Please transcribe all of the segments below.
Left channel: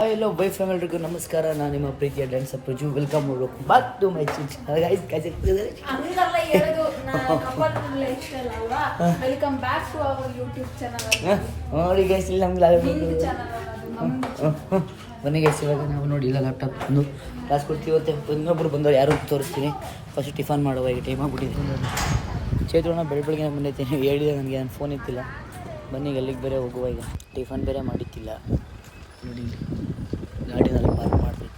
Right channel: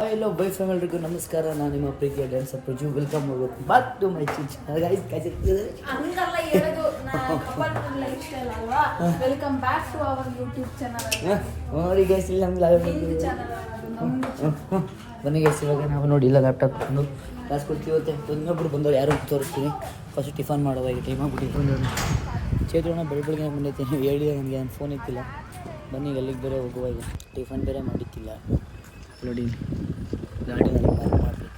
Hello by fam ಎಲ್ರಿಗೂ ನಮಸ್ಕಾರ. ನಾನು ನಿಮ್ಮ ಪ್ರೀತಿಯ dance Praju. Welcome back to my channel guys. ಹಂಗಲ್ಲ ಹೇಳೋದು, ಲೈಫ್ ಸ್ಟೈಲ್ ಅಲ್ವಾ. Welcome back to our YouTube channel. ನೋಡಿ ಗೈಸ್, ಇಲ್ಲಿ ನಮ್ಗೆ ಬನ್ನಿ ಗೈಸ್. ಇವಾಗ ನಾವು ನೋಡಿ ಇಲ್ಲ ಲ್ಯಾಪ್ಟಾಪ್ ಕ್ಲಾಸ್ ಕೊಡ್ತೀವಿ. ಇವತ್ತು ಇನ್ನೊಬ್ರು ಬಂದವ್ರು ಯಾರು ತೋರಿಸ್ತೀನಿ. ಫಸ್ಟ್ ಟಿಫನ್ ಮಾಡುವ, ಈಗ ಟೈಮ್ ಆಗ್ಬಿಟ್ಟಿದ್ದು. ಚೇತೋಣ ಬೆಳಗ್ಗೆ ಬಂದೈತೀನಿ ಹೇಳಿದೆ ನನಗೆ, ನನ್ನ ಫೋನ್ ಇತ್ತಿಲ್ಲ. ಬನ್ನಿ ಅಲ್ಲಿಗೆ ಬೇರೆ ಹೋಗುವ. ಈಗ ಟಿಫನ್ ಬೇರೆ ಮಾಡಿತ್ತಿಲ್ಲ ನೋಡಿ, ಗಾಡಿನಲ್ಲಿ ಪಾರ್ಕ್ ಮಾಡ್ತೈತಿ.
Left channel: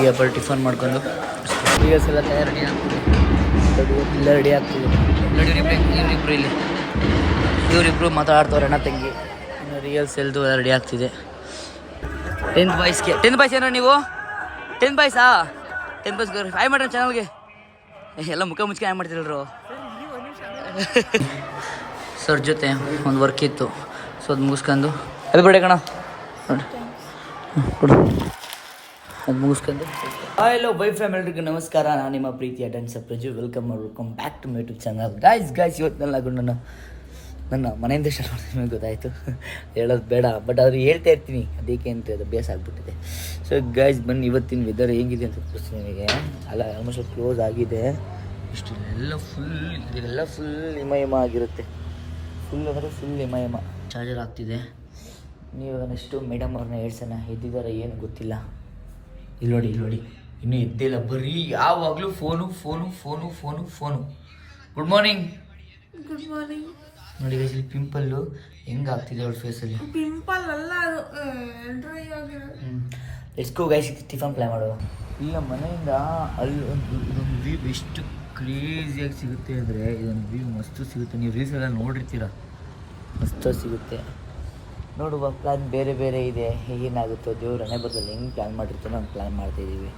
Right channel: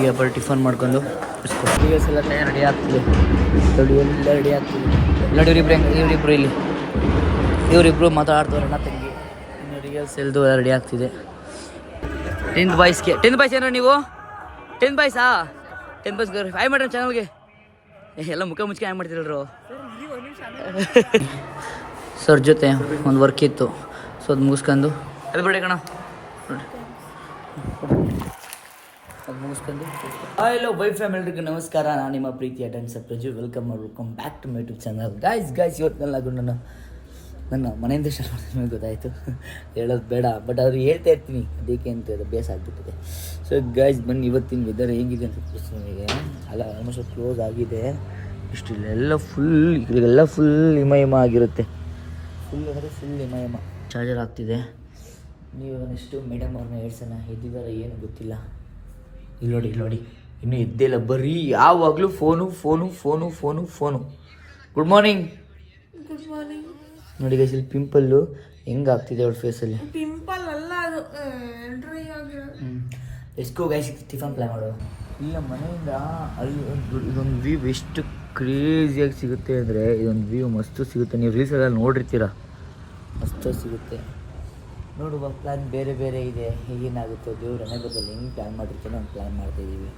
ಈಗ ಬರ್ ಟಿಫನ್ ಮಾಡ್ಕೊಂಡು ರಿಯಲ್ಸ್ ಎಲ್ಲ ರೆಡಿ ಆಗ್ತದೆ. ಇಲ್ಲ ರೆಡಿ ಆಗ್ತದೆ ನೋಡಿ. ಇವರಿಬ್ರು ಮಾತಾಡ್ತವ್ರೆ ಅಣ್ಣ ತಂಗಿ. ಇನ್ನು ರಿಯಲ್ಸ್ ಎಲ್ದು ಎಲ್ಲ ರೆಡಿ ಆಗ್ತಿದೆ. 10th ಬಾಯ್ಸ್ ಏನೋ ನೀವು 10th ಬಾಯ್ಸಾ? 10th ಬಾಯ್ಸ್ ಹಾಯ್ ಮಾಡ್ರಿ ಚಾನಲ್ಗೆ. ಎಲ್ಲ ಮುಖ ಮುಚ್ಕೆ ಹಾಯ್ ಮಾಡ್ತಿರಲ್ರು. ಸರ್ ಜೊತೆ ಒಂದು ವರ್ಕ್ ಇತ್ತು, ಸೊ ಅದು ಮುಗಿಸ್ಕೊಂಡು ಅದು ಬಿಡೆ ಕಣ ನೋಡಿ ಕೊಡು, ಅದು ಮುಗಿಸ್ಕೊಂಡು. ಹಲೋ ಬೈ ಫ್ಯಾಮ್ ಎಲ್ರಿಗೂ ನಮಸ್ಕಾರ. ನಾನು ನಿಮ್ಮ ಪ್ರೀತಿಯ dance Praju. Welcome back to my YouTube channel guys. ಇವತ್ತಿನೆಲ್ಲ ನನ್ನ ಮನೆಯಿಂದ ಸ್ಟಾರ್ಟ್ ಮಾಡ್ತೀನಿ, ಗೊತ್ತಾಯಿತು ಹೇಳೋದು ಬೇಡ, ಬಟ್ ಅವ್ರು ಹೇಳ್ತಾ ಇರ್ತೀನಿ ಅದಕ್ಕೆ ಅಂತ ಅದು ಬೇಸ್ ಆಗಿಬಿಟ್ಟಿದೆ. ಸೊ ಗೈಸ್ ಬನ್ನಿ, ಇವತ್ತಿನ ವೆದರ್ ಹೇಗಿದೆ ಅಂತ ತೋರಿಸ್ತೀನಿ ನಿಮಗೆ. ಅಲ್ಲ ಆಲ್ಮೋಸ್ಟ್ ಕ್ಲೋಸ್ ಆಗಿದೆ. ಇಷ್ಟು ಇಲ್ಲೆಲ್ಲ ಫುಲ್ ಹಿಮ ಆಗಿರುತ್ತೆ. ಫುಲ್ ಅಂದರೆ ಫುಲ್ ಹಿಮ. ಚಾರ್ಜರ್ ಆಗ್ತಿದೆ. ನೀವು ನೆಕ್ಸ್ಟು ಮೇಡಮ್ ಅವ್ರನ್ನ ಹೇಳ್ಸೋಣ, ಎದ್ದಿದ್ದಾರೆ ಏನು ಗೊತ್ತಿಲ್ಲ. ಇಲ್ಲಿ ನೋಡಿ ಇನ್ನೂ ಎದ್ದಿಲ್ಲ, ಬರೀ ಯಾವಾಗಲೂ ಫೋನು. ಗುಡ್ ಮಾರ್ನಿಂಗ್ ನೋಡಿ ಗೈಸ್. ಇಲ್ಲಿ ಪಿಂಪಲ್ಲು ಹೆಂಗೆ ಆಗ್ತಿದೆ ಅವ್ರ ಫೇಸಲ್ಲಿ. ಪಿಂಪಲ್ ಅಲ್ಲ, ಅದು ಡ್ರೈ ಆಗಿರೋ. ಎಸ್ಕೋ ಗೈಸ್, ಟಿಫನ್ ಪ್ಲಾನ್ ಮಾಡುವ. ಇಲ್ಲ ಮನೆಯಿಂದ ಅಲ್ಲಿ ಇದೊಂದು ವ್ಯೂ ಎಷ್ಟು ಕ್ರೇಜಿಯಾಗಿ ಸಿಗುತ್ತೆ ಅಂದರೆ, ಇದೊಂದು ವ್ಯೂ ಮಸ್ತು ಸಿಗುತ್ತೆ. ನೀವು ರೀಲ್ಸೆಲ್ಲ ನೋಡಿರ್ತೀರ, ಮಸ್ತು ಸಿಗುತ್ತೆ. ನೋಡುವ ಪ್ಲ್ಯಾನ್ ಬೇರೆ ಇದೆ. ಏನಾಗುತ್ತೋ ದೇವ್ರ ಹಣೆ ಬರದಲ್ಲಿ ಹೆಂಗೆ ಪ್ಲ್ಯಾನ್ ಮಾಡಿರ್ತಾನೋ ಹಂಗೆ ಪ್ಲ್ಯಾನ್ ಮಾಡ್ತಾಯಿದ್ದೀವಿ.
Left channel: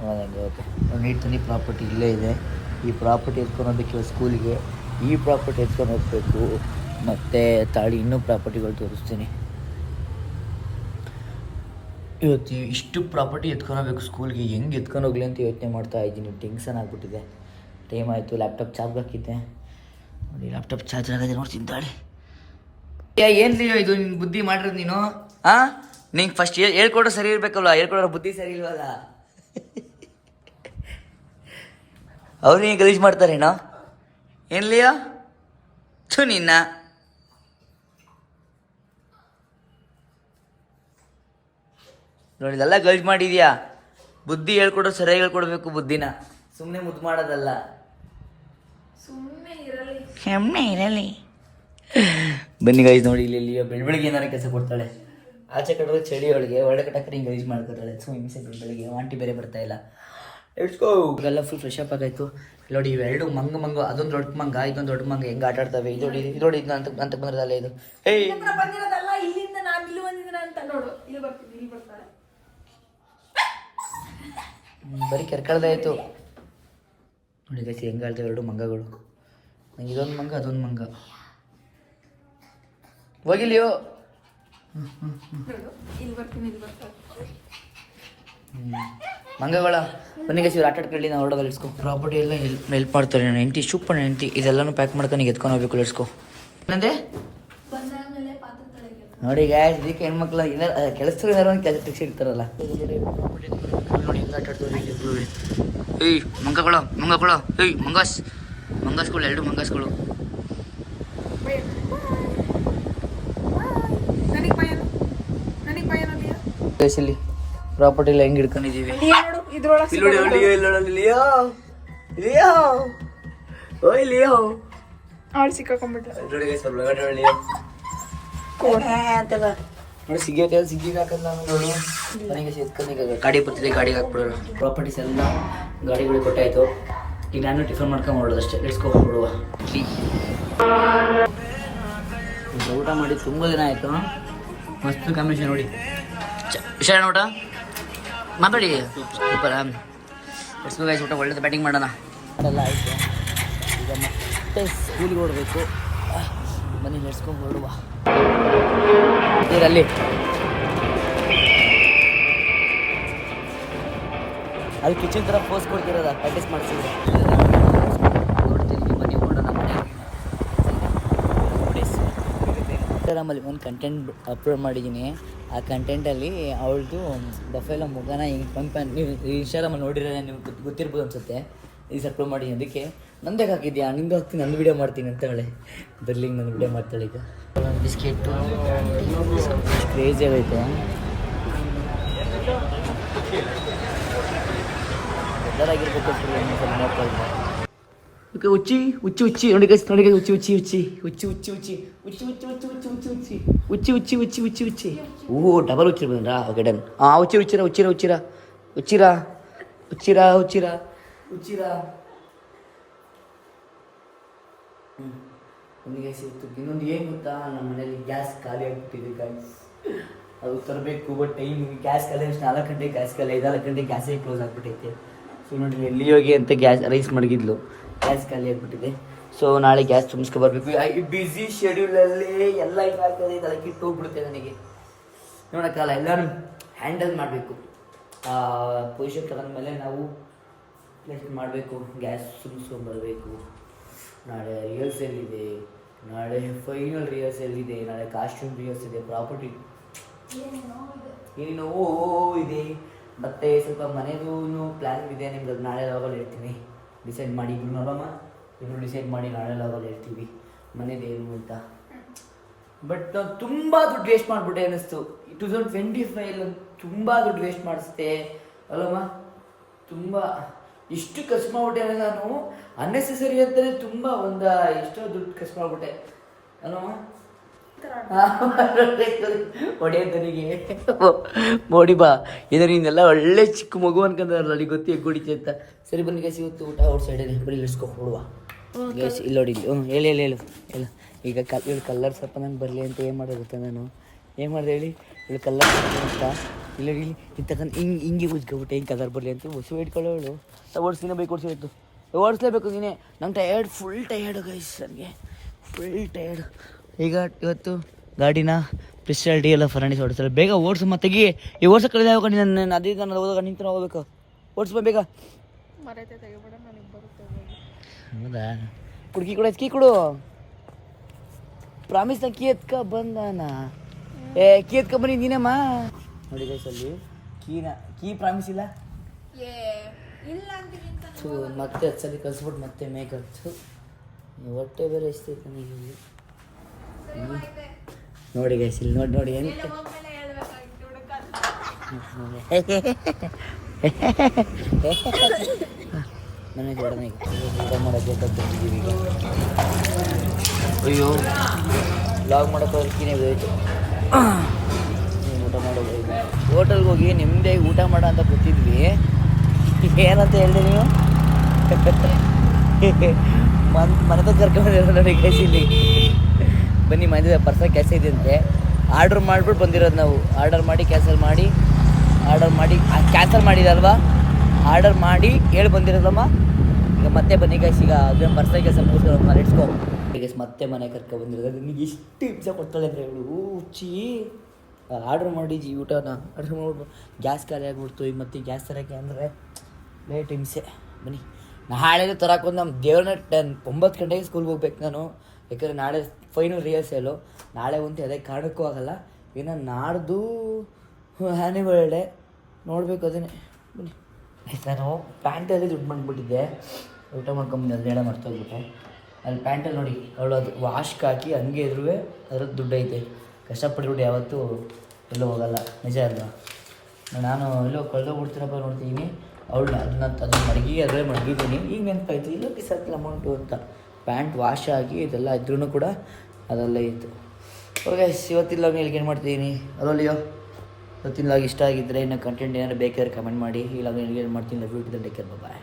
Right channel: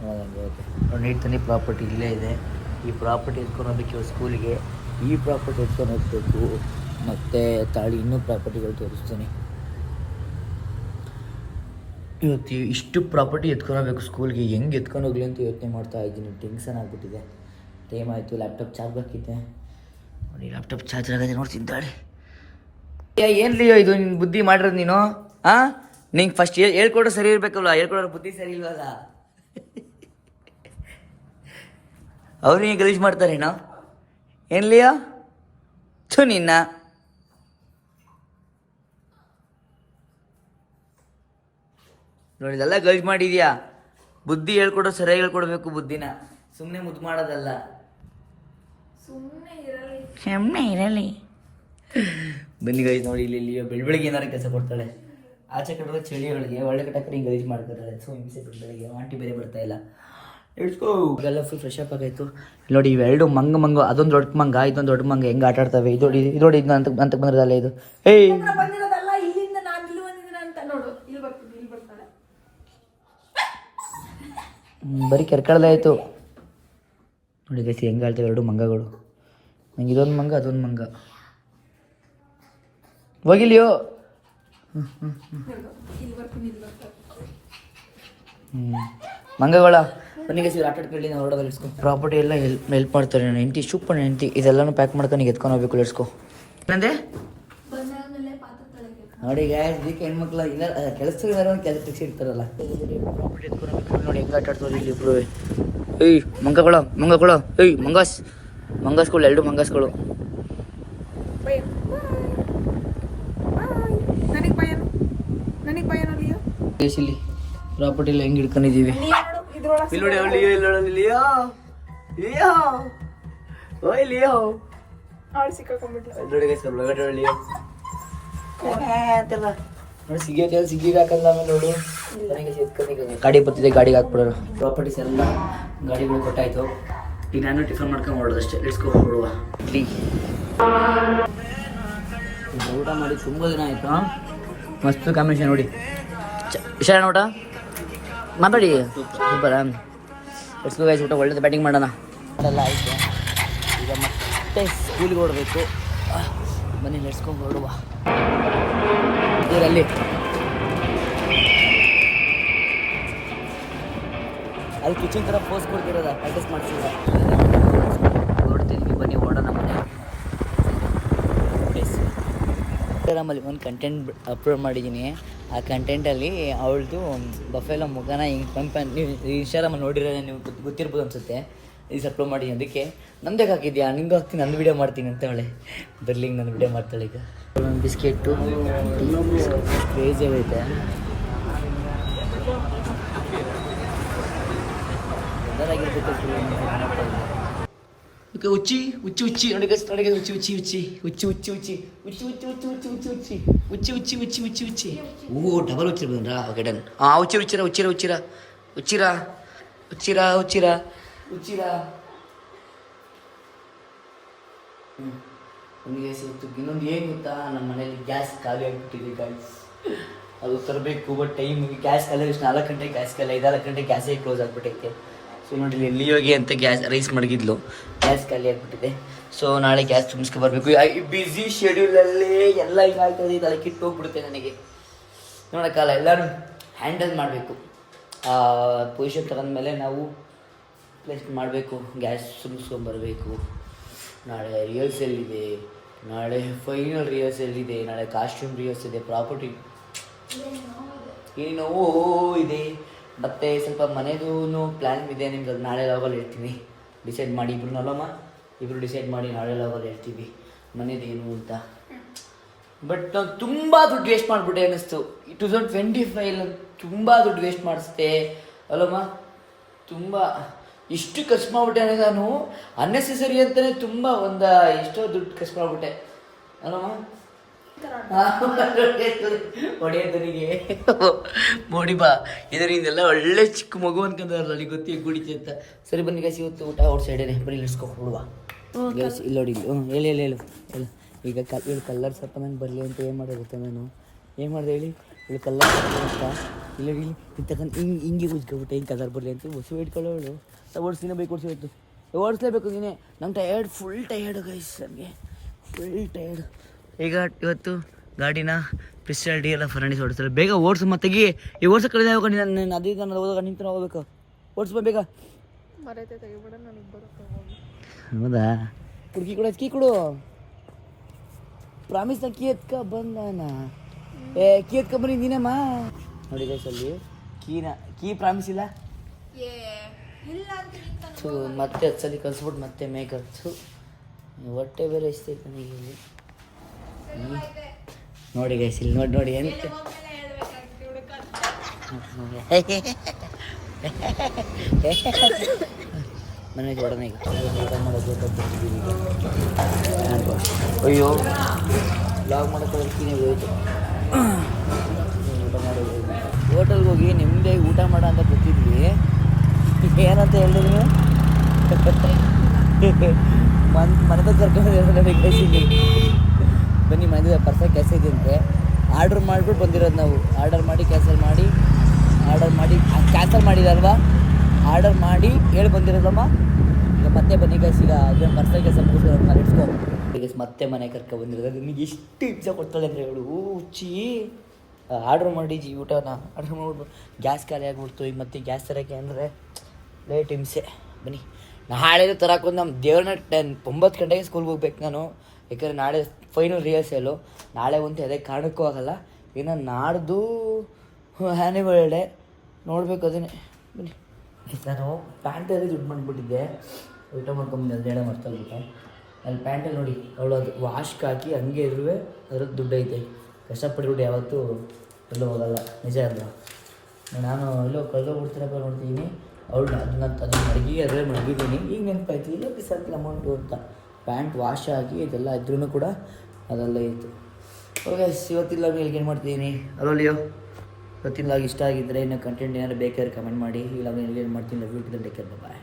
ಹಂಗೆ ಓಕೆ ನೋಡಿ. ನೀಡ್ತಾನೆ ಪ್ರಾಪರ್ಟಿ ಇಲ್ಲೇ ಇದೆ. ಈ ಪ್ರಾಪರ್ಟಿ ಎತ್ಕೊಂಡು ಹೋಗ್ಬೇಕು ಸ್ಕೂಲಿಗೆ. ಈ ಪ್ರಾಪರ್ಟಿ ಎತ್ಕೊಂಡು ಹೋಗ್ಬೇಕು, ಮತ್ತು ತಾಳಿ ಇನ್ನೂ ಪ್ರಾಪರ್ಟಿಗಳು ತೋರಿಸ್ತೀನಿ. ಇವತ್ತು ಇಷ್ಟು ಪ್ರಾಪರ್ಟಿ ಎತ್ಕೊಂಡು ಹೋಗ್ಬೇಕು ಸ್ಕೂಲ್ಗೆ. ಹೆಂಗೆ ಎತ್ಕೊಂಡು ಹೋಗ್ಲಿ ಅಂತ ಯೋಚನೆ ಮಾಡ್ತಾ ಇದ್ದೀನಿ. ಟೆನ್ಷನ್ ಆಗಿಬಿಟ್ಟಿದೆ. ಟೈಮ್ ಆಯಿತು. ಲ್ಯಾಪ್ಟಾಪ್ ಚಾರ್ಜ್ ಹಾಕಿದ್ದೆ ನೋಡಿ. ಲ್ಯಾಪ್ಟಾಪ್ ಚಾರ್ಜ್ ಆಗಿದೆ ನೋಡ್ತೀನಿ ತಾಳಿ. ಏನು ಲಿಯೋ ಇದು ನಿನ್ನ ಬುದ್ಧಿ ಮಾಡಿರೋದು ನೀನು? ನಿಂಗೆ ಫಸ್ಟ್ ಹೇಳ್ಕೊಡ್ರೆ ಸರಿ ಇರಬೇಕಲ್ಲ, ಹೇಳ್ಕೊಡೋರು ಬುದ್ಧಿ ಸರಿ ಇಲ್ವಲ್ಲ. ಅವ್ರಿಗೆ ಗಲೀಜು ಮಾಡ್ತಾರೇನೋ ಏನು ಲಿಯೋ? ನಿನ್ನ ನೋಡಿ ಇದೆಲ್ಲ ಗಲೀಜು ಮಾಡಿದ್ಯಾ. ಬುದ್ಧಿ ಹೇಳ್ಕೊಡೋ ಸರಿಯಾಗಿ ಹೇಳ್ಕೊಡ್ಬೇಕು ಬುದ್ಧಿನ, ಸುಮ್ಮನೆ ಮುದ್ದು ಮಾಡೋದಲ್ಲ. ಸುಮ್ಮನೆ ಇರಲಿ. ಬನ್ನಿ ಗೈಸ್ ನೋಡಿ, ಇಲ್ಲಿ ಬೆಳಗ್ಗೆ ಏನಾರು ಕೆಲಸ ಕೊಡ್ತಾಳೆ. ಆಚೆ ಕಡೆ ಚಳಿ ಒಳಗೆ ಒಳ್ಳೆ ಕಟ್ಟಕ್ಕೆ ಗಲೀಜು ಮಾಡ್ಕೊತಾಳೆ. ಸೊ ಹಿಂಸೆ ಬೆಳಗ್ಗೆ ಆಂಟಿ ಬೇರೆ ಬರ್ತಾ ಇಲ್ಲ. ಇಟ್ಸ್ಕೋ. ಎಲ್ಲ ಫುಲ್ ಫ್ರೆಶ್ ಅಪ್ ಆಗಾಯಿತು. ನೋಡಿ ಇವೆರಡು ಮಂಗ, ಅದೊಂದು ದೊಡ್ಡ ಮಂಗ, ಇದೊಂದು ದೊಡ್ಡ ಮಂಗ ಹೆಂಗೆ ಆಟ ಆಡ್ತವೆ. ಇದು ನೋಡಿ ಇದು ಅಂತ ಬಂದಿರೋದಲ್ಲ ಇದು. ಬರೀ ಕರ್ಕಳ್ದಾಯಿತು ನೋಡಿ ಗೈಸ್, ಹೆಂಗೆ ಆಡ್ತವೆ ಎರಡು ಮಂಗಗಳು. ನಂಗೆ ಇದೊಂದು ಮಂಗ, ಅದೊಂದು ಮಂಗ. ಹೋಗಿಲಿಯೋ. ಮಂಗಗಳ ಬನ್ನಿ ಗೈಸ್, ಇವ್ರು ಆಟ ಆಡ್ಕೊಳ್ಳಿ. ನಾವು ಹೊರಡೋದು ಇಳಿಸ್ಕೊ. ಪ್ರಾಪರ್ಟಿ ಎಲ್ಲ ಹೆಲ್ಪ್ ಮಾಡ್ತಾರೆ. ನನ್ನ ಹೆಂಡತಿ ಸೂಪರ್ ಹೆಂಡತಿ. ಇದೆಲ್ಲನೂ ಪ್ಯಾಕ್ ಮಾಡ್ಕೊಂಡು ಈಗ ಎತ್ಕೊಂಡು ಹೋಗ್ಬೇಕು. ಇಳಿಸ್ಕೊ. ಏನಂದೆ ನೋಡಿ ಗೈಸ್, ಇದಕ್ಕೆ ಹೆಣ್ಮಕ್ಳು ಏನಾರು ಕೆಲಸ ಏನಾರು ಒಂದು ಕೆಲಸ ಟೆಕ್ಸ್ ಇರ್ತಾರಲ್ಲ. ನೋಡಿ ಹೆಂಗೆ ಆಟ ಆಡ್ತಾರೆ ಇಲ್ಲಿ ಇಬ್ಬರು. ಏಯ್ ಮಂಗಗಳು ಏಯ್ ಮಂಗಾಸ್ಗಳು, ಎರಡು ಮಂಗಾಸ್ಗಳು. ಇಲ್ಲಿ ಪ್ರಾಪರ್ಟಿ ಎಲ್ಲ ಹೆಂಗೆ ಹಿಡ್ಕೊಂಡಿದ್ದೀವಿ. ನೋಡಿ ಸಿಗ್ಗಿ ಹಾಕಲ್ಲ ನೋಡು. ಗಾಡಿ ಬರ್ತಿದೆ, ಗಾಡಿಗೆ ಹಾಕ್ಬಿಡೋರು. ಪ್ರಾಪರ್ಟೀಸ್ ಎಲ್ಲ ಗಾಡಿಗಳು ಕೊಟ್ಟಾಯ್ತು. ಈಗ ನಾನು ಟಿಫನ್ ಮಾಡ್ಕೊಂಡು ಹೊರಡೋದು ಅಷ್ಟೇ. ಇಳಿಸ್ಕೊಬಿಡುವ. ಇಡ್ಲಿ ಊಟ ಮಾಡಿ ತುಂಬ ದಿನ ಆಯಿತು. ಮಸ್ತ್ ಕಾಂಬಿನೇಷನ್ ನೋಡಿ. ಹುಷಾರ ಊಟ ಮಾತಾಡಿ. ಸೂಪರ್. ಎಡ್ಸ್ಕೋ ಗೈಸ್, ಊಟ ಒಳ್ಳೆದು. ಬ್ಯಾಟಿಂಗ್ ಮಾಡೋಣ. ಅದೆಲ್ಲ ಆಯಿತು. ಈಗ ಮತ್ತೆ ಸ್ಕೂಲಿಗೆ ಹೊರಡಬೇಕು. ಬನ್ನಿ ಎಡ್ಸ್ಕೊಂಡು ಹೊರಡುವ. ಅಲ್ಲಿ ಕಿಚನ್ ಥರ ಪೋಸ್ ಕೊಡ್ತಿರೋದ ಪ್ರಾಕ್ಟೀಸ್ ಮಾಡಿಸಿದ್ರೆ ಹೊರಡ್ತಿದ್ವಿ. ಬನ್ನಿ ಹೊರಡೋಣ. ಇನ್ಸ್ಟಾಗ್ರಾಮಲ್ಲಿ ಒಂದು ಕಂಟೆಂಟ್ ಅಪ್ಲೋಡ್ ಮಾಡಿದ್ದೀನಿ. ಆ ಕಂಟೆಂಟಲ್ಲಿ ಅವಳದು ಬಫೆಲೋ ಮುಖನ ಹಿಂಗೆ ಪಂಪ್ ನೀವು ಇನ್ಸ್ಟಾಗ್ರಾಮಲ್ಲಿ ನೋಡಿರೋ ನೀವು ಗೊತ್ತಿರ್ಬೋದು ಅನಿಸುತ್ತೆ. ಇದು ಅಪ್ಲೋಡ್ ಮಾಡಿದ್ದೀನಿ. ಅದಕ್ಕೆ ನಂದೇ ಹಾಕಿದ್ಯಾ, ನಿಂದು ಹಾಕ್ತೀನಿ, ನಂದು ವೀಡಿಯೋ ಮಾಡ್ತೀನಿ ಅಂತ ಅವಳೆ. ಬರ್ಲಿಂಗ್ ನಾನು ವೀಡಿಯೋ ಮಾಡ್ತಾಳೆ. ಈಗ ಒಂದು ಬಿಸ್ಕೆಟು ಕ್ರೇಜಿ ಆಗೈತೆ. ಎಲ್ಲರಾಗಿರ್ಬೇಕು ಮಾಡ್ತಾ ಇದ್ದೆ. ಓಕೆ ಹುಚ್ಚಿ ಹುಚ್ಚಿ ಹುಚ್ಚಿ ನೋಡಿ ನೋಡಿ ಹುಚ್ಚಿ ಹುಚ್ಚಿ ಹುಚ್ಚಿ ಹುಚ್ಚಿ ಹುಚ್ಚಿ ಹುಚ್ಚಿ ಹುಚ್ಚಿ ಹುಚ್ಚಿ ಹುಚ್ಚಿ ಹುಚ್ಚಿ ಹುಚ್ಚಿ ಹುಚ್ಚಿ ಹುಚ್ಚಿ ಹುಚ್ಚಿ ಹುಚ್ಚಿ ಹುಚ್ಚಿ ಓ ಡಬಲ್ ಹುಚ್ಚಿರ ಬಂದ್ರಾ? Okay done. ಹುಚ್ಚಿರ ಹುಚ್ಚಿರ ಹುಚ್ಚಿರ ಹುಚ್ಚಿರ ಹುಚ್ಚಿರ ಹುಚ್ಚಿರ ಹುಚ್ಚಿರ ಹುಚ್ಚಿರ ನಮಗೆ ಸಿಕ್ತು. ಇನ್ನೊಂದು ಏನು ಗೊತ್ತಾ, ನಮ್ಮ ಮನೇಲಿ ಗ್ಯಾಸ್ ಖಾಲಿ ಆಗಿಬಿಟ್ಟಿದೆ ಗಾಯ್ಸ್. ಅದು ತರಬೇಕು. ಬಟ್ ಟೈಮ್ ಗ್ಯಾಸ್ ಖಾಲಿ 4 ಗಂಟೆಗೆ ಗ್ಯಾಸ್ ಖಾಲಿ, 5-6 ಗಂಟೆಗೆ ಗ್ಯಾಸೇ ಕ್ಲೋಸ್ ಆಗಿಬಿಟ್ಟೈತೆ. ಸೊ ನೋಡಿ ಇಲ್ಲಿ ಹೋಗಿ ಅಂತ ಗ್ಯಾಸ್ ರೈಸ್ ಮಡಗಿದ್ಲು, ಗ್ಯಾಸ್ ಖಾಲಿ ಆಗಿಬಿಟ್ಟಿದೆ. ಸೊ ನಾಳೆ ಗ್ಯಾಸ್ ತುಂಬಿಸ್ಕೊ ಬರಬೇಕು. ಈ ಬ್ಯುಸಿ ಶೆಡ್ಯೂಲಲ್ಲೇ ಎಲ್ಲ ಹಿಂಗಾಗ್ತದೆ, ತಲೆ ಕಿಟ್ಟು ಹೋಗ್ಬಿಡುತ್ತೆ ನನಗೆ. ನೋಡೋಕ್ಕಲ್ಲ, ಎಲ್ಲರೂ ಹ್ಯಾಂಡಲ್ ಮಾಡಬೇಕು. ಪೊಸಿಷನ್ ತಗೊಂಡ್ಮೇಲೆ ನಾವು ಪ್ಲೇಸ್ ಮಾಡಬೇಕು. ಗ್ಯಾಸ್ ತುಂಬಿಸ್ಕೊಂಬರಬೇಕು. ನಾಳೆ ರಿಹರ್ಸಲ್ ಇದೆ, ನಾಳೆ ಫೈನಲ್ ರಿಹರ್ಸಲ್ ಇದೆ, ನಾಳೆ ಕಾಸ್ಟ್ಯೂಮ್ ರಿಹರ್ಸಲ್ ಇದೆ, ಪ್ರಾಪರ್ಟಿ ಏನೋ ಇದೆ. ಮತ್ತು ಸ್ವಲ್ಪ ಮನೆಯದು ಪ್ಲ್ಯಾನ್ ಇದೆ. ನಿಮ್ಗೆ ಅದು ನಾಳೆ ಲಾಗಲ್ಲಿ ಹೇಳ್ತೀನಿ. ಡಿಸೈಡ್ ಮಾಡಿ ಇಬ್ಬರು ಡಿಸೈಡ್ ಮಾಡಿ ನಾಳೆ ಲಾಗಲ್ಲಿ ಹೇಳ್ತೀವಿ ಮನೆಯದೇನು ಅಂತ. ಬಟ್ ನಾನು ತುಂಬ ದುಡ್ಡು ವೇಸ್ಟ್ ಮಾಡಿಬಿಟ್ಟೆ ಅನ್ನಿಸ್ತು. 2025 ತುಂಬ ದುಡ್ಡು ವೇಸ್ಟ್ ಮಾಡಿಸ್ದೆ ಅಲ್ಲಮ್ಮ. ತುಂಬ ಇಷ್ಟು ಖರ್ಚು ಮಾಡಿಬಿಟ್ಟೆ ಅಂದರೆ ನಾನು ಅನ್ನೆಸೆಸರಿ ಅಂತಲೇ ತುಂಬ ಎಷ್ಟೋ ದುಡ್ಡು ಖರ್ಚು ಮಾಡಿಬಿಟ್ಟೆ ಅಲ್ಲಮ್ಮ. ಹೊಡೆಯೋದನಿಗೆ ಮೋಡಿ ಬಾ ಇದು ನಿಂಗೆಲ್ಲ ಒಳ್ಳೆ ಚಿಕ್ಕ ಮಗು ಅನ್ಕೊಂಡ್ರಲ್ಲ, ಅಲ್ಲಿ ಗೊತ್ತಿ ಕುಡಿತೆ ಅಂತ. ಸರಿ ಬನ್ನಿ ಗೈಸ್, ಇವತ್ತು ಊಟ ಔಟ್ ಸೈಡೇನೆ, ಬರೀ ಇಳಿಸ್ಕೊಬಿಡುವ ಗೈಸ್. ಇಲ್ಲಿ ನೋಡಿ, ಹೇಳಿ ಹೇಳಿ ಹೇಳು ಇಲ್ಲ. ಈಗ ಇವಳು ಕಲ್ಲರ್ ಸ್ವಲ್ಪ ನಂಗೆ ಬರಲಿ ಅಂತ ಏನು ಮಾಡೋದು ಗೊತ್ತಾ, ನಾನು ಏನು ಮಾಡಿದೆ ಹೇಳಿ, ಇವಳು ಕಲ್ಲರ್ ಅಂತ ಇಲ್ಲ ಇಲ್ಲಿ ತಗೊಂಡು ಹಿಂಗೆ ಉಜ್ಕೊಬಿಟ್ಟೆ, ಹಿಂಗೆ ಕಲರ್ ಬರಲಿ ಅಂತ ಹೊಸ ಇಟ್ಕೊಳ್ಳೋಳು. ಓಡಿಸ್ತೀನಿ, ಬೈಕ್ ಓಡಿಸ್ಬೇಕು, ಓಡಿಸ್ಲೇಬೇಕು ನೀನೇ. ನಂಗೆ ಫುಲ್ ಟಯರ್ಡು ಗೈಸ್, ನನಗೆ ಫುಲ್ ಟಯರ್ಡು. ಈಗ ಇವತ್ತು ಗಾಡಿನ ಪಿಸ್ಟಲ್ ಡಿ ಎಲ್ಲ ಫರ್ನಾಂಡಿಸ್ ಓಡಿಸ್ತಾರೆ. ಬೇಗ ಓಡಿಸು ಮತ್ತೆಗಿ ಈ ಓಡಿಸೋ ಕಳೆದ ಯಾವಾಗ ನೀನು ಅದೇ ನಾನು ಹೋದಾಗ ನಿಂತು ಹೋಗ್ಬೇಕು. ಓಡಿಸ್ಬೋ ಬೇಗ. ಹೌದಾ, ಕುಡ್ಕಿ ಕೊಡು, ಕೀ ಕೊಡು. ಪ್ರಾಮಿಸ್ನ ಕೀ ಎತ್ಕ ಬಂದಾನ. ಕೀ ಎತ್ಕ ಬನ್ನಿ ನೀನಮ್ಮ. ನೋಡಿ ಗೈಸ್, ಅಲ್ಲಿ ಕೀ ಪ್ರಾಮಿಸ್ ಇಲ್ಲ. ಮತ್ತೆ 10 ಸಲ ಕಲ್ಸ್ಬಿಟ್ಟು ಮತ್ತೆ ಮೇಕತ್ತು ಹೊಟ್ಟೆ ಬೇರೆ ಎಷ್ಟೈತೆ ನನಗೆ ಇಲ್ಲಿ. ನೋಡಿ ಗೈಸ್, ಇಲ್ಲಿ ನೋಡಿ ಎಂತ ಮನೆ ಹೊಡನೆ. ಈಗ ಊಟ ಮಾಡೋಕ್ಕೆ ಬಂದಿದ್ದೀವಿ. ಈಗ ಅಯ್ಯೋ ಲಾಗ್ ಮಾಡೋಕ್ಕೆ ಹೋಗ್ತೀನಿ ಹೋಯ್ತು. ಊಟ ಮಾಡೋದು ಹೋಟೆಲ್ಗೆ ಹೋಗಿ ನಿಮ್ಮದೇ ಊಟ ಮಾಡೋ ಅಂತ ಗೊತ್ತಿದ್ವಿ. ಏನಂತ ಹೇಳಿದೆ ನೀವು? ಮನೆದ ಕರ್ಕೊಂಡ್ಬಂದಿರೋ ನೋಡಿ ಗೈಸ್. ಇಲ್ಲಿ ಬನ್ನಿ, ಮನೆ ಪರ್ಸನಲ್ ಕೆಲಸ ಇದೆ ಅಂತೆ. ಆರ್ಡ್ರ್ ಮಾಡಿಬಿಟ್ಟು ಬಂದಿರೋದು ನಾವು. ಆರ್ಡರ್ ಮಾಡಿ ಕ್ಯಾನ್ಸಲ್ ಮಾಡಿ ಕ್ಯಾನ್ಸಲ್ ಮಾಡಿದಲ್ವಾ, ಆರ್ಡರ್ ಮಾಡಿ ಹೇಳಿ ಬಂದಿರೋದಮ್ಮ. ಈಗ ಮತ್ತೆ ಬನ್ನಿ ಗೈಸ್, ಈಗ ಅದನ್ನ ಪರ್ಸನಲ್ ಕೆಲಸ ಮುಗಿಸ್ಕೊಂಡು ಲೆಟ್ಸ್ಗೋ. ಈಗ ಮತ್ತೆ ಮನೆ ಕರ್ಕೊಂಡ್ಬಂದಿರೋದು. ನಿಮಗೆ ಎಷ್ಟು ಹಿಂಸೆ ಕೊಡ್ತಾಳೆ ಅಂದರೆ ಹೇಳು ಹುಚ್ಚಿ. ಆರ್ಡ್ರ್ ಮಾಡಿ ಊಟನ ಆರ್ಡ್ರ್ ಮಾಡ್ಬಿಟ್ಟು ಗ್ಯಾಸ್ ಖಾಲಿ ಆಗಿಬಿಡ್ತು. ಈಗ ಮತ್ತೆ ಗ್ಯಾಸ್ ತರೋಕ್ಕೆ ಅಂದರೆ ಲೇಟ್ ಹಿಂಸೆ. ಬನ್ನಿ, ನಾಳೆ ತರಕ್ಕೆ ನಮ್ಮ ದೇವ್ರನ್ನ 9 ಗಂಟೆಗೆ ಸ್ಕೂಲ್ಗೆ ಹೋಗ್ಬೇಕು ನಾನು. ಯಾಕಂದರೆ ನಾಳೆ ಫೈನಲ್ ರಿಹರ್ಸಲು. ನಾಳೆ ಒಂದು ಅದೇ ಕಾರಣಕ್ಕೂ ಆಗಲ್ಲ. ಇನ್ನು ನಾಡ್ದು ಆ್ಯನಿವಲ್ ಡೇ ನೋಡಬೇಕು, ಅದನ್ನೇ. ಬನ್ನಿ, ನಾನು ಪ್ಯಾಂಟಲ್ಲಿ ದುಡ್ಡು ಮಾಡಿಬಿಟ್ಟಿದ್ದೆ. ಊಟ ಮಾಡ್ಕೊಂಬಂದು ಹೇಳ ಮರ್ತೋಗ್ಬಿಟ್ಟೆ. ಅಲ್ಲಿ ಪ್ಯಾಂಟಲ್ಲಿ ನೋಡಿ, ಅವಳು ಅದು ವಾಶ್ಗೆ ಹಾಕಿ ಹಂಗೆ ಇದ್ರೂ ಅದ್ರದ್ದು ದುಡ್ಡು ಐತೆ. ಕಷ್ಟಪಟ್ಬಿಟ್ಟು ಯಾವತ್ತೂ ಎಲ್ಲೂ ಹೋಗಲ್ಲ, ನಿಜ ಅಲ್ಲ. ನಾನು ಎಲ್ಲೋ ಕಳೆದೋಗ್ಬಿಡ್ತೀರಪ್ಪ ನೋಡ್ತೀನಿ. ಅವಳು ಅದನ್ನ ಮಡಗಿ ಅದರೇ ಮಡಗಿದ್ದೀನಿ. ಈಗ ನೆನಪಾಯ್ತು, ಇಲ್ಲ ಪಿಸಾಕಿಲ್ಲ ಅಮೌಂಟು ಅಂತ. ಪ್ಯಾಂಟ್ ವಾಶ್ ಆಗಿ ಇದೆಲ್ಲ ಇದ್ರೂ ಕೂಡ ಅದೆಲ್ಲ ಇತ್ತು. ಓಕೆ, ಇವತ್ತಿನ ಲಾಗ್ ಏನು ಮಾಡ್ತಿದ್ದೀನಿ ಅಲ್ಲೋ. ಇವತ್ತಿನ ಲಾಗ್ ಇಷ್ಟ ಆಗಿದ್ದರೆ ಇನ್ನು ಕಂಟೆಂಟ್ ಏನಾದ್ರು ಬೇಕಾದ್ರೆ ಕಮೆಂಟ್ ಮಾಡಿ. ಈ ಲಾಗ್ ಏನು ಮಾಡ್ತೀನಿ. Love you too the take care, bye.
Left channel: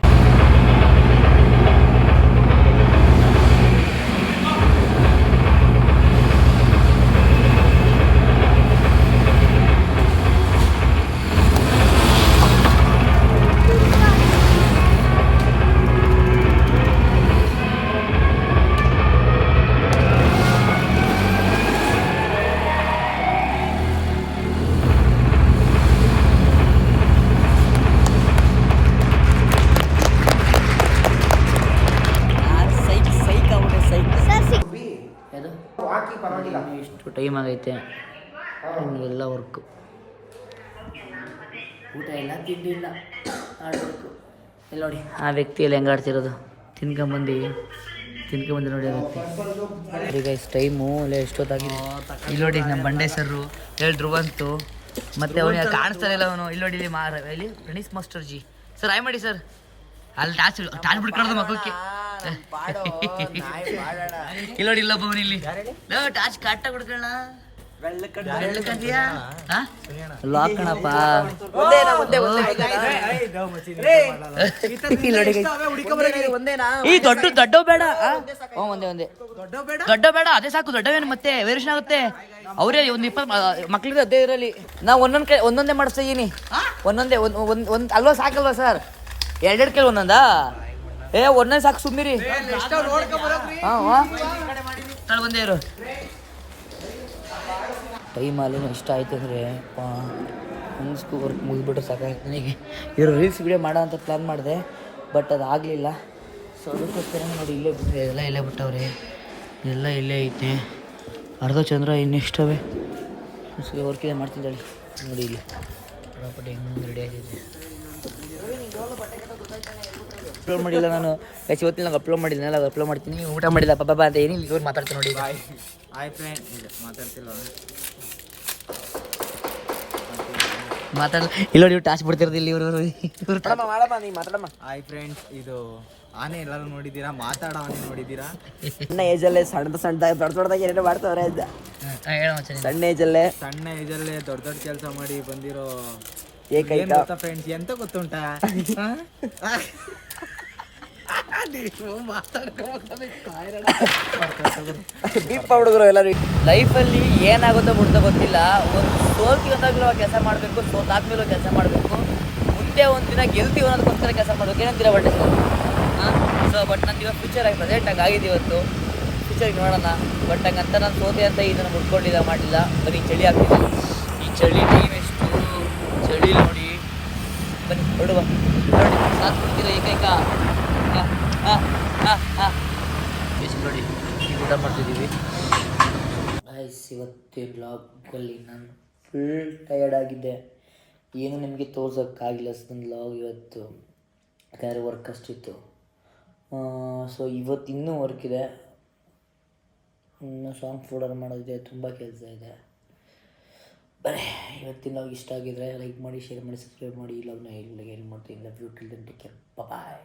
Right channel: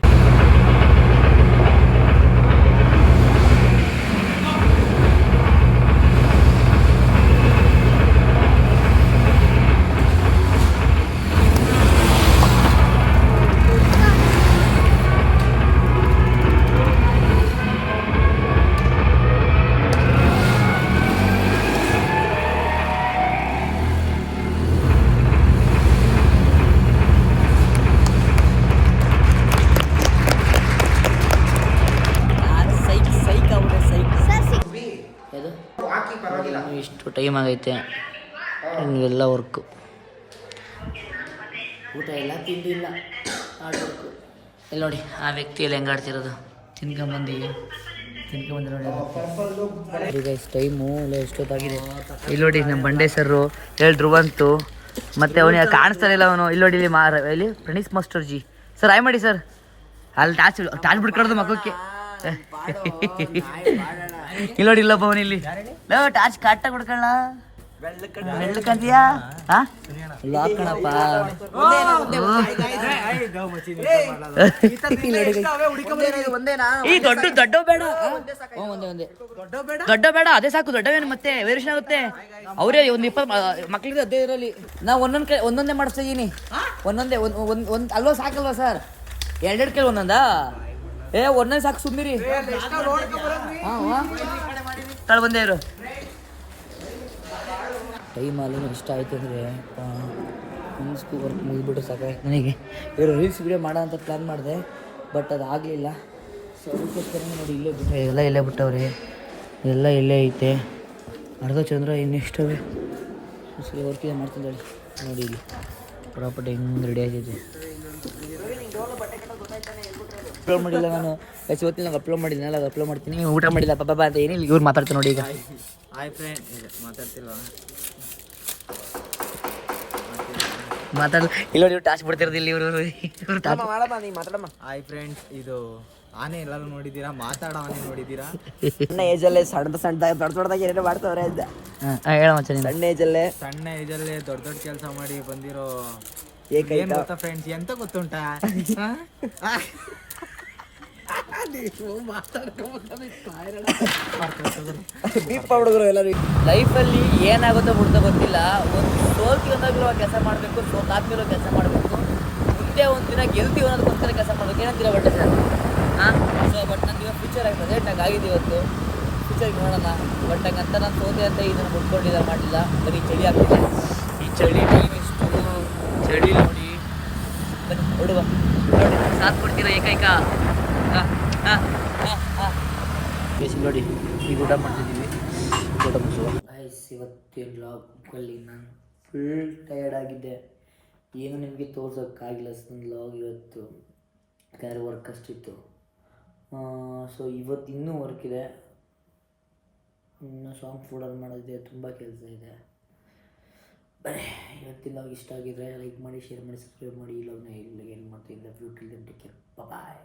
So time ಆಗೈತೆ, ಇನ್ನೆಲ್ಲ ವರ್ಕು. ಊಟ ಎಲ್ಲ ತಿಂಡಿಲ್ಲ, ಆಡಬೇಕು. ಇಲ್ಲಿ ನೋಡಿ ಆ ವ್ಯಕ್ತಿಯಲ್ಲಿ ಹೆಂಗೆ ಆಡ್ತಿರೋದು, ತಿನ್ಕೊಂಬಂದು ನೋಡಿ ಗೈಸ್. ಟೈಮು ಇಲ್ಲ ಎಷ್ಟೊತ್ತಾಗಿದೆ. ಇಲ್ಲಿ ನೋಡಿ ನಮ್ಮ ಬಂಡೆ ಸರ್ರು ಹೇಳಿ ಧ್ರುವಂತು, ಮತ್ತು ಅವನಿಗೆ ಕಾಣಿಸ್ತಾನೆ ಇಲ್ಲ ಅವನು. ಇಲ್ಲಿ ನೋಡಿ ಇಲ್ಲಿ ಪ್ರಣೀಶ್ ಮಾಸ್ಟರ್ ಜಿ ಸರ್ ಆಯ್ ಮಾಡಿ ಸರ್. ಅಲ್ಲಿ ಟಾಚ್ ಬಿಡ್ಕೊಳ್ಳೋದು ಮಕ್ಕಕ್ಕೆ. ಇಲ್ಲಿ ನೋಡಿ ಇಲ್ಲಪ್ಪ ಅವನು ಇಲ್ಲಿ ಟಾಚ್ ಕಟ್ಟಾಗಿ ಬಿಡ್ಕೊಳ್ಳ ಬೆಳ್ಳಕಂತೀಯಾ ಲಾಕ್ ಕಣಪ್ಪ. ದೊಡ್ಡ ಬೇಡ, ಒಂದೇ ದೊಡ್ಡ ಬೇಡ, ಅದೇ ಸಾಕು. ದೊಡ್ಡವೇನು ಮತ್ತೆ ವೇರಿಯೇಷನ್ ಆಗುತ್ತೆ. ಅವರೇ ಒಂದು 20 ಮಕ್ಳಿಗೆ ಅದೇ ಇರಲಿ. ನಾವು ಒಂದೊಂದೇ ಮಾಡಿಸ್ತಾ ಇದೀನಿ. ಒಂದೊಂದೇ ಒಂದು ಅಲ್ವಾ ಸಾಕಲ್ವಾ ಸರ್? ಎರಡೆರಡು ಕೈ ಒಂದೊಂದಾ? ಒಂದೊಂದೇ ಸಾಕು, ಸುಮ್ಮಿರಿ. ತಳ ಬಂದೇ ಇರು. ಟೈಮ್ ಅಲ್ಲಿನೂ ಇಷ್ಟ ಆಯ್ತು ಅಂದರೆ ವರ್ಕ್ ಮುಗಿದ್ಬಿಟ್ರೆ ಸಾಕಾಯ್ತು ನನಗೆ. ಇವರು ರೀಲ್ಸ್ ವಿಡಿಯೋ ಮಾಡೋ ಅಂತ ಪ್ಲ್ಯಾನ್ ಮಾಡಿದೆ, ಬಟ್ ಅದು ಆಗಲಿಲ್ಲ. ಸೊ ಅದಕ್ಕೋಸ್ಕರ ನೋಡಿ ಇಲ್ಲೇ ಬಿಟ್ಟವ್ರಿ, ಎಲ್ಲ ಇಲ್ಲೇ ಐತೆ. ಅರ್ಧ ಚಂದ್ರ ಇನ್ನೆಷ್ಟವೆ ವರ್ಕಿದೆ ಮಾಡ್ತಿದ್ದಾಳೆ ನೋಡಿ. ಇಲ್ಲಿ ಪ್ರಾಪರ್ಟಿ ಹೆಂಗೆ ರೆಡಿ ಆಗಿದೆ. ಅಪ್ಲೋಡ್ ಮಾಡಿಲ್ಲ ನಾನು ಇವತ್ತಿನ ನಂಗೆ ಅಪ್ಲೋಡ್ ಮಾಡಿದ್ನಲ್ಲ, ಅದು ಅಪ್ಲೋಡ್ ಮಾಡ್ತೀನಿ. ಊಟ ಮಾಡಿಲ್ಲ ಪಾಪ ಅಂತ ಏನಿಲ್ಲ. ಇವ್ರು ಮಾತಾಡ್ತೀನಿ ನೋಡಿ. ಈಗ ಮಾತಾಡಲ್ಲ. ಇಲ್ಲ ನೀವು ಟಾಚ್ ಬಿಡ್ತಿರೋದು ಇಲ್ಲಿ ಇವರು ಹಾಯ್ ಫ್ರೆಂಡ್ಸ್, ಇದು ಆನೆ ಎಲ್ಲರೂ ನೋಡಿದ್ದೀರಾ, ಮಾತಾಡೋ ಆನೆ ನೋಡಿದ್ದೀರಾ? ಸಣ್ಣ ಏಜಲ್ಲೇ ದೊಡ್ಡದಾಗಿ ಏನೇನೋ ಮಾಡ್ತವ್ರೆ ಅಂತ. ಸಣ್ಣ ಏಜಲ್ಲೇ ದೊಡ್ಡ ಕೆಲಸ ಮಾಡಿ ಬಂದಿರೋ ಏನ್ ಗೊತ್ತಾ ಫ್ರೆಂಡ್ಸ್, ಎಂತ ಗೊತ್ತುಂಟಾ? ಲೈಫಲ್ಲಿ ಏನಾಗುತ್ತೋ ಬಿಡ್ತೋ ಗೊತ್ತಿಲ್ಲ. ಒಂದು ಸೋಲ್ತಿವಂದಾಗಲೂ ಕೆಲಸ ಮಾಡಬೇಕು, ಸೋತಾದ್ಮೇಲೂ ಕೆಲಸ ಮಾಡಬೇಕು, ಮುಂದೆ ಒಂದು ದಿನ ಗೆಲ್ತೀವಿ ಅನ್ನೋದಕ್ಕೋಸ್ಕರ ಕೆಲಸ ಮಾಡಬೇಕು. ಏನಂತೀರ ಬಟ್ ಸೊ ಬಟ್ ನಂದು ಇವಾಗ ಫ್ಯೂಚರ್ ಆಗಿ ಪ್ರೆಸೆಂಟ್ ಆಗಿ ಆಗಿದೆ. ಇವತ್ತು ಫ್ಯೂಚರ್ಗೆ ನೋಡೋಣ. ಬಟ್ ಹಂಗಂತ ನಾನು ಸೋತೆ ಅಂತ ಇದನ್ನು ಮುಟ್ಕೊಂಡಿಲ್ಲ, ಮಾಡಲಿಲ್ಲ. ಬರೀ ಚಳಿ ಆಗ್ತಿದೆ. ಈ ಚಳಿ ಟೈಮ್ ಎಷ್ಟು ಚಳಿ ನೋಡಿ. ಬನ್ನಿ ಹೊರಡುವ. ಸಾಥ್ ಕೊಡ್ತೀರ ಏಕೈಕ. ನೋಡಿ ಈಗ ಊಟ ಮಾಡ್ತಿದ್ದೀವಿ. ಊಟ ಗೈಸ್, ಇವತ್ತಿನ ವ್ಲಾಗಲ್ಲಿ ನಾನು ಫುಲ್ ಟಯರ್ಡ್ ಆಗಿದ್ದೆ. ಏನು ನಿಮಗೆ ತೋರ್ಸೋಕ್ಕಾಗಿಲ್ಲ ನನ್ನ ವ್ಲಾಗ್ ಇವತ್ತು, ಯಾಕಂದರೆ ವರ್ಕ್ ಅಷ್ಟಿತ್ತು. ಸೊ ಇವತ್ತು ಇನ್ನೂ ವರ್ಕ್ ಇದೆ, ಇನ್ನೂ ಸಾಂಗ್ ಫೋಲ್ಡರ್ ಮಾಡೋದಿದೆ, ತುಂಬ ಕೆಲಸ ಇದೆ. ಬರೀ ಇವತ್ತಿನ ವ್ಲಾಗ್ ಇಷ್ಟ ಆಗಿದ್ರೆ ಲೈಕ್ ಮಾಡಿ, ಶೇರ್ ಮಾಡಿ, ಸಬ್ಸ್ಕ್ರೈಬ್ ಮಾಡಿ. ಲವ್ನ ಹೆಲ್ಪ್ ಮಾಡ್ತೀನಿ. Love you till then take care, bye.